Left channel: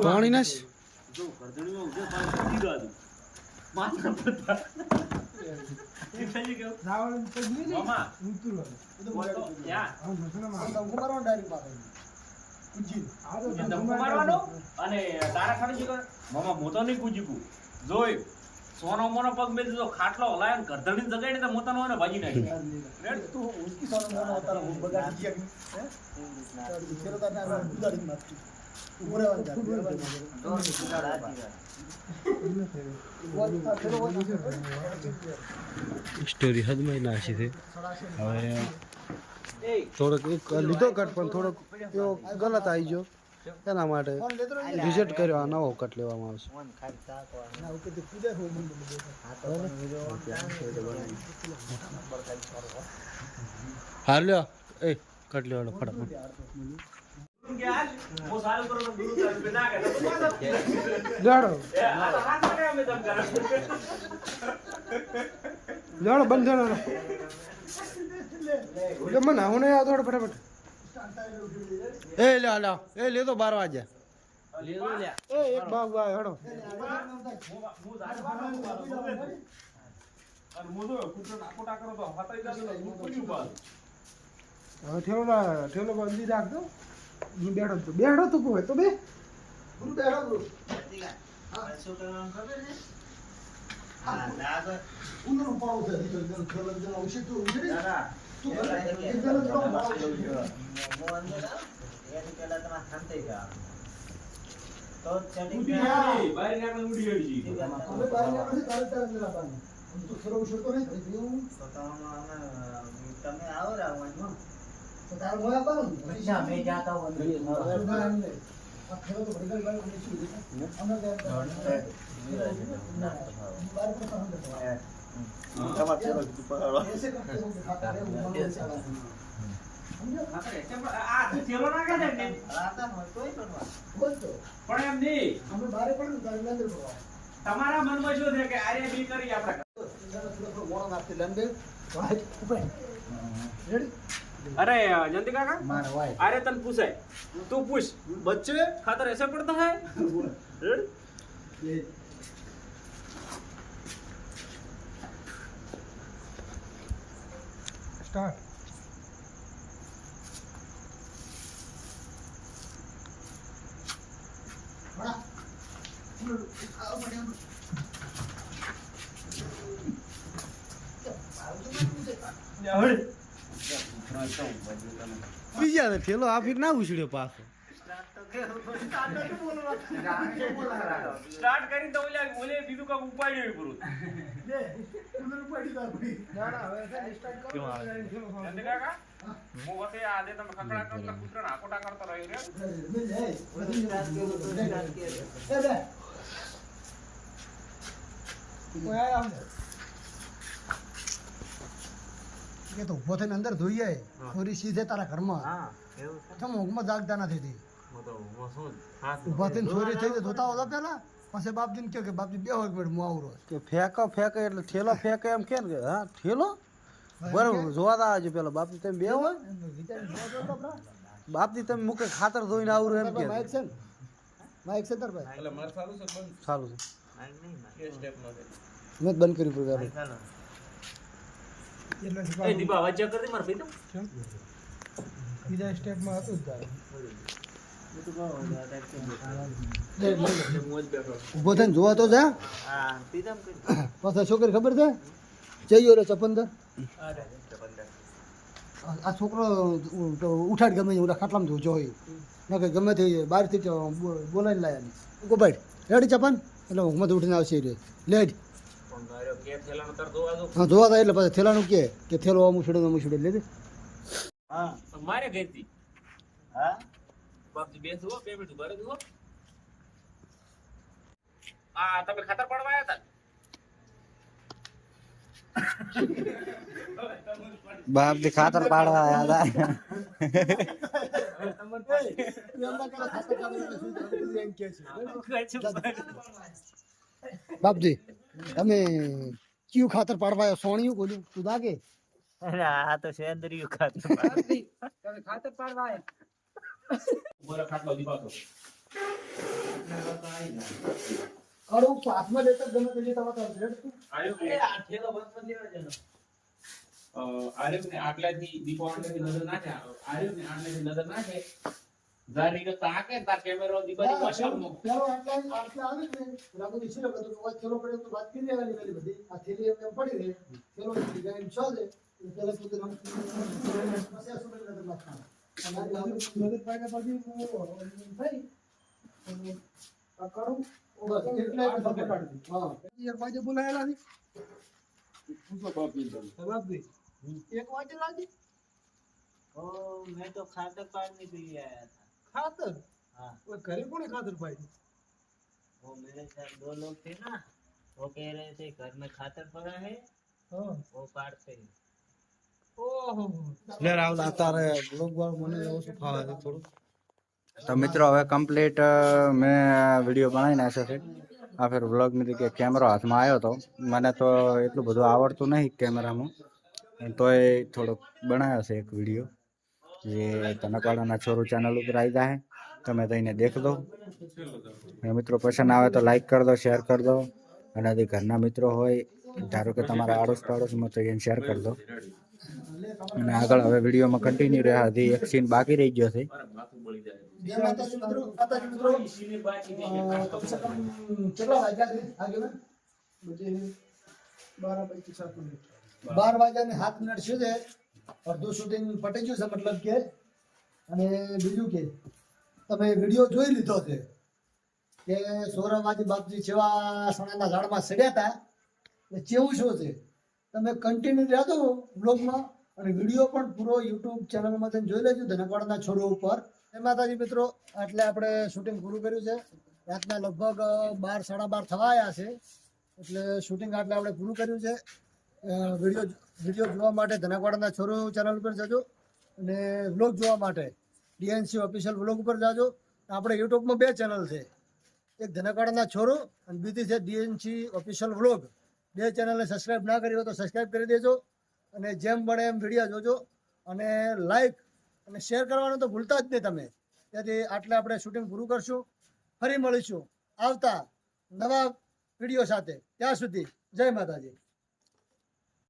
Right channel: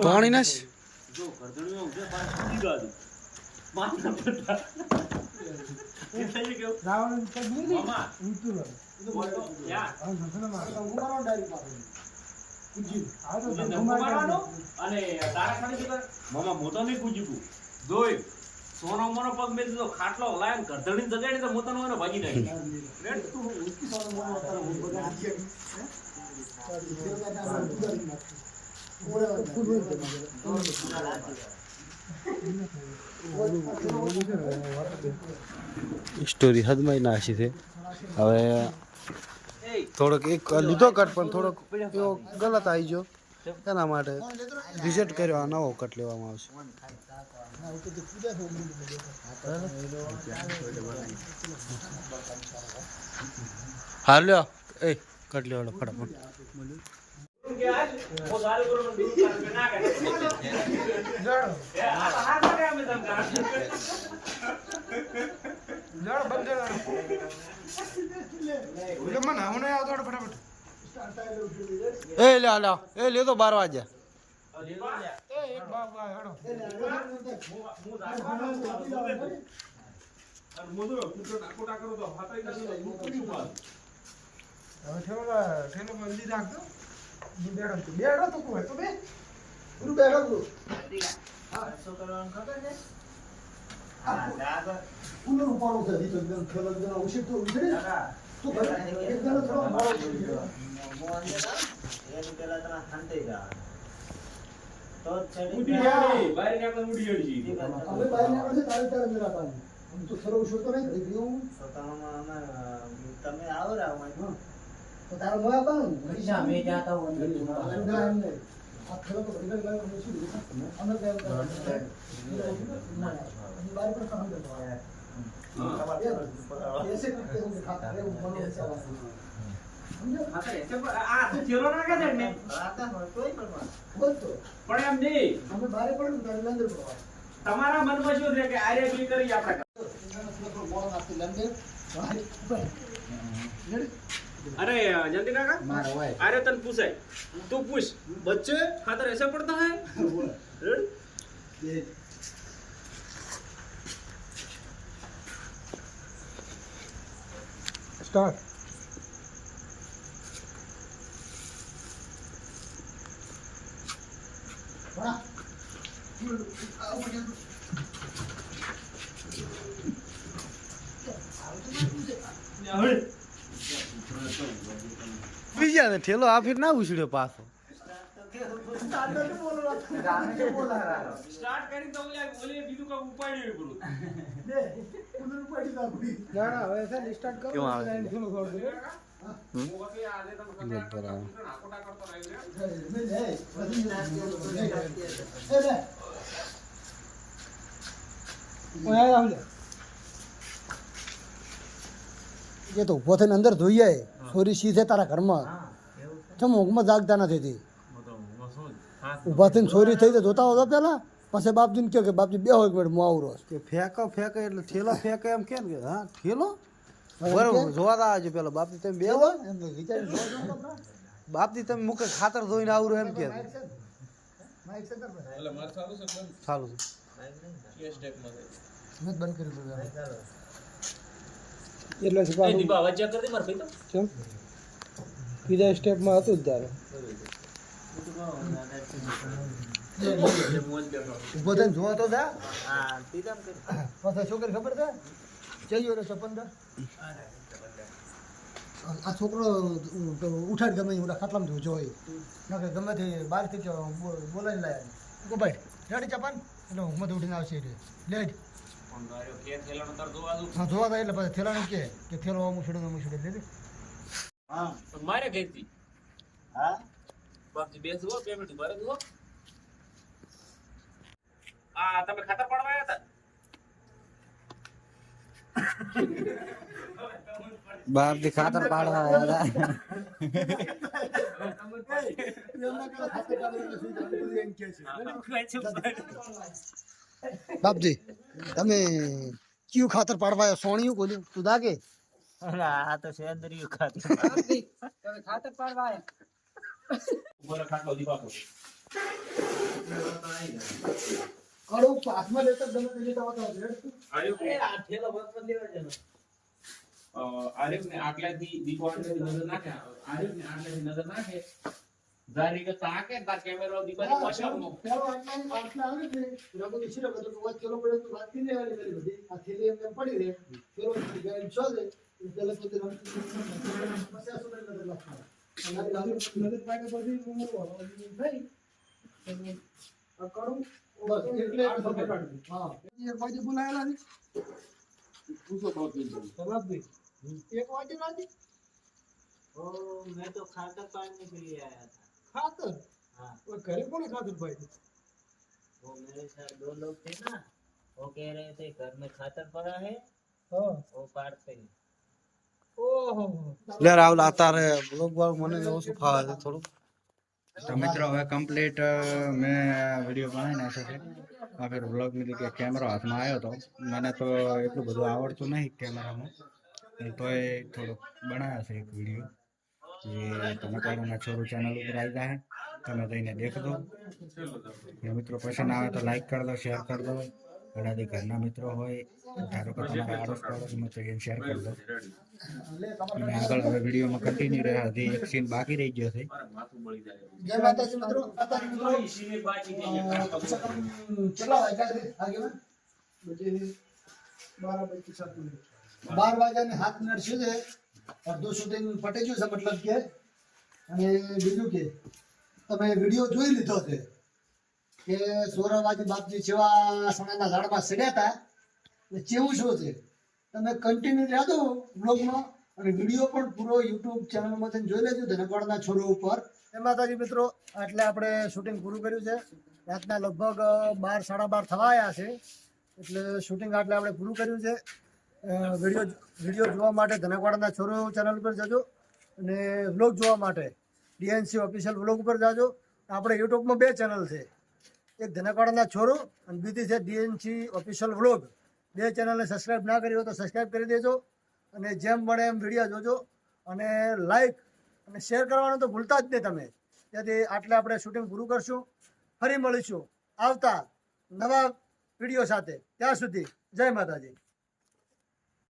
પાણી ના જો કરધણીમાં ઉઠે પાણી સીધી ગાદુ માથા પડતા એ થઈ ગયું રાવણ તો નહીં મામા ઉતરો એ તો બોલતો યાર આ મસલામાં ઉમારો ડાયરી પાસે કુજી આ તો ઉમારવાનો અને તારા ખાડી જો મામા મોતો નહીં કુજીકુ જોઈ સોનો મોનો પગ મેં તો ખાટલો હલાયો કરધણી જગાડી તો મોતાનો એને ભાજી નાખી રેડ તું ઉસકી સોનો મોનો તારો બગાડી દે હે ફેરતા ના બગાડી નાખી સ્ટોરી હદમાં નાસી છે હવે થોડોક એક લીધો કટ પણ થોડોક એવો ગલત આવી ગયો એના માટે રિઝલ્ટ કર્યો આ નવો કટ લેવામાં આવશે હાર લ્યો એ કટ લેવાડો ફટાફટ वो सारे ऊपर में दूर कर बिना कर જાડો हाथ में हमें दम कर જાડો બંધ જાડો જો મને આવું ના આવતો ફટાફટ એ લે લે એ લે તો 12 વાગ્યા એ એક બાગ હેડો અને મોદો કુટરો ટાકોટા કરો તો હતાઈ દાદો મૂકી બાદ ઠેલો બંધી રાખજો બેઠો તું કોવે તો બે પૂરું બેઠો તું શું કરવાનું ખબર છે હા લાગ ઉનો ઉપાડો છે દીકરો જન ખેલો જન ઉછે તો ઉછે તું એક જણ થોડો મારો છે મો અંદર એ તો પેલા તમારે શાંતિ રહો તો ચડી ઉડી આવી બહાર નાખો ઉડી ગઈ હવે બહાર નાખો તારે મેરા પાન हम तो खरो उछो तो नहीं खड़ी गयो તો તમે આવો રાવ तो तार मोया पान हमेशा मैं जाता हूं अंदर आ खरो तो बड़ी बड़ी बात हमने छी अंदर गए बाहर पर हम देखो ऐसे करते हो दिखाता है मन से आवाज समझो આ તો ચેલો ના કે ને આતા હોય તોય પણ बोल तो પણ એમ નહીં हमें बाहर पड़ तारे अंदर पड़वा તમારા મનમાં શું છે કે આરે બી કરી આપણે थोड़ा मोड़ा नाते लंदे ऊपर रेडी अरे जयंती काका મારો હોય अरे तन पूछे तू पूछ बच्चे खातर ऐसा पड़ता है स्टार्ट बड़ा आओ बढ़िया બીજા ને ઠેલો આ ફીર ના ઉછળ્યો પાછો स्टार्ट करी तो ओले बीजू का उपाડી પૂરું દે કુલર ઉપાડી દા પડી ના ના હવે સ્ટાર્ટ કરો જયંતી કાકા હું વસે આજે તમે ખકડા કરતા કુટરા આકોટા કરતા રહેંગે મિલ હે એ લે ઓયા આવ ये तो उभो थઈને અંદર ધોઈ જાય છોરી સીધે તારા ઘરમાં હા એવું છે તમ ઊંઘમાં જાગતા નથી તી તો હું શું હાથ ઉભા થઈને છોરી થઈ તો જોતા હોતા પેલા પછી બાપજીને કહ્યું કે બાપજી બે હોય મિનિટ હું આવરો કે ફેંકો એટલે ઠેલો ફેંકે એમ કે હા ઠેલો બરાબર જોવા આજે પેલા બાપજી તમે બે હોય બાપજી તમે મુકે ખાતર ધોઈને આવરું એમ કે માઈક છે તાર ભાઈ એટલે માર ચાલુ છે બંધ ચાલુ છે માઈક નહીં કે સ્ટેપ માં છે મેં બંધ કર્યું તું તારે ચાલો એટલે એ દીપા અવાજ ચેક કરી દે માર ભાઈ તો કેમ બીજા સ્ટેપમાં હતું જ તારે હું તો કહું આધાર છે મોજ બેઠો ઉભો થઈને જોવા તો જા હા તીધમ કરી પછી છોકરી ખબર છે જઈયો રે ચપંદર આ છોકરો ઉઠાડ ગમે ઓલા ખાટલામાં જોઈ ન કે ગમે તે બહારથી બોલાવીને લાયા ઉભો ભાઈ રેડી ચપન એટલે ઊંઘમાં ઉઠીને આવશે રે લેટ પણ મારો કે થેલાનો તર જોવા દો હા જોવા થાય એટલે પછી થેલાનું કે થેલો આમ છોડે લે દે હા મારે ગઈતી હા બાકી બે જુઓ પેમેન્ટ ભરે જુઓ આ તમે ખાતર પાડવા આવ્યા હતા બાપ થી ખાતર પાડવા આવ્યા હતા બાપજી તમે કયું ખાતર પાડવા આવ્યો સોણિયું બોલ્યું તું દાગે આ તો સેન્દ્રિય ખાતર બોલે ખાટલો દીપાતો કડું પાથમાં લેતા ગમે તે લેતા હોતા હશે. આ થેલો બંધ કરી દેવા છે ને. આર્યને આટલાથી દીપોઆટલાથી નજર નાખે આર્યને આટલાથી નજર નાખે જારી કે તાકે તાર કેમેરો દીપાની મશાલમાં પેલો આટલા આવે ને રાબો ઈચ્છે તો વાત ચલો પડ્યો તો વાત કરી લેવાની કરી બધી આ થેલી એમ પડી રહે ચલો ગાડી છો દે પેલા પોતે સમસ્યા સુબે નજર નાખવાનો અને નજર પાકે પછી થઈ આ કડું બસ એટલે સપોર્ટ હા એક બાજુ બોલાયેલા છે પૂછો બાપી જવાબ દે એક વાટે લાજી ઓ મેં તો ખાતર પાડने के लिए आया था ખાતર हाँ ઓય ઘરે કોને ખાતર પાઈ वो मेरे साथ 2 लोग थे ना वो कह रहे थे घर में खातर पड़ा है હા वो पाड़ते हैं ઓહો લે રાहुल અત્યારે બ્લોગ વાળો મને ઓછું ફાવે છે થોડું. તો મિત્રો હવે કમ્પ્લીટ મેં વિડીયો બનાવી નાખ્યો છે. આ ફેર વ્લોગની જગ્યાએ કેમેરો હાથમાં આવ્યો હતો. મને તો એટલું બધું આવડતું નહીં કેમેરામાં, તોય થોડોક બનાવ્યો છે એક વિડીયો જે તનકાળાના છોરું ચેનલ ઉપર આવી જાય. તમે જઈને દેખ દો. અને મિત્રો પસંદ આવે તો લાઈક કરી દો, શેર કરી દો. અને જે ઘરના મિત્રો હોય, ધારો કે તમારા આડોશ પાડોશમાં, તો એને શેર કરી દો. અને આગળ હવે વિડીયોમાં કન્ટિન્યુ રહ્યા. હજી એક સીન બાકી રહી ગયો છે. જય માતાજી મિત્રો સીને બાકી કેટલા વાગ્યા છે આગેવાન બજે 12:07 મિનિટ 12 વાગ્યાને 7 મિનિટ સુધી અડધું શૂટિંગ પટી ગયું છે મતલબ કે. અને બીજું કે તમે વિડીયો જોઈ લીધો છે કે સોરાવાજી બાપજી જેવા સોનાના ઝાડમાં સડ્યા હતા એ કેવું શું છે. તમે કન્ટિન્યુ રહેજો બ્લોગમાં અને વિડીયો પણ પૂરો યુટ્યુબ ચેનલમાંથી જોઈ લેજો ધનકવાડના છોરો ઉપર. જય માતાજી મિત્રો, એટલે આપણે શૂટિંગ પૂરું કર્યું છે. રાતના લગભગ 12 સાડા 12 થવા આવ્યા છે. એટલે શૂટિંગ આટલે આપણે પૂરું કર્યું છે. વિડીયો જોવા માટે ધનકવાડના છોરો ચેનલ ઉપર જજો અને વ્લોગ જોવા માટે ડીએનસી ઓફિશિયલ વ્લોગ ઉપર જાજો. આપણે યુટ્યુબમાં 2 ચેનલ છે, એક ધનકવાડના છોરો અને બીજી છે ડીએનસી ઓફિશિયલ વ્લોગ. 2 ચેનલને સબસ્ક્રાઈબ ના કરી હોય તો સબસ્ક્રાઈબ કરી દેજો અને જેમ બને એમ વિડીયો જોજો અને લાઈક અને શેર કરવાનું તો ભૂલતા જ નહીં તમે. તેથી આટલે આપણે શૂટિંગ પૂરું કરશું. ફરી મળીશું આવતા નવા વિડીયો સાથે. ત્યાં સુધી જય માતાજી.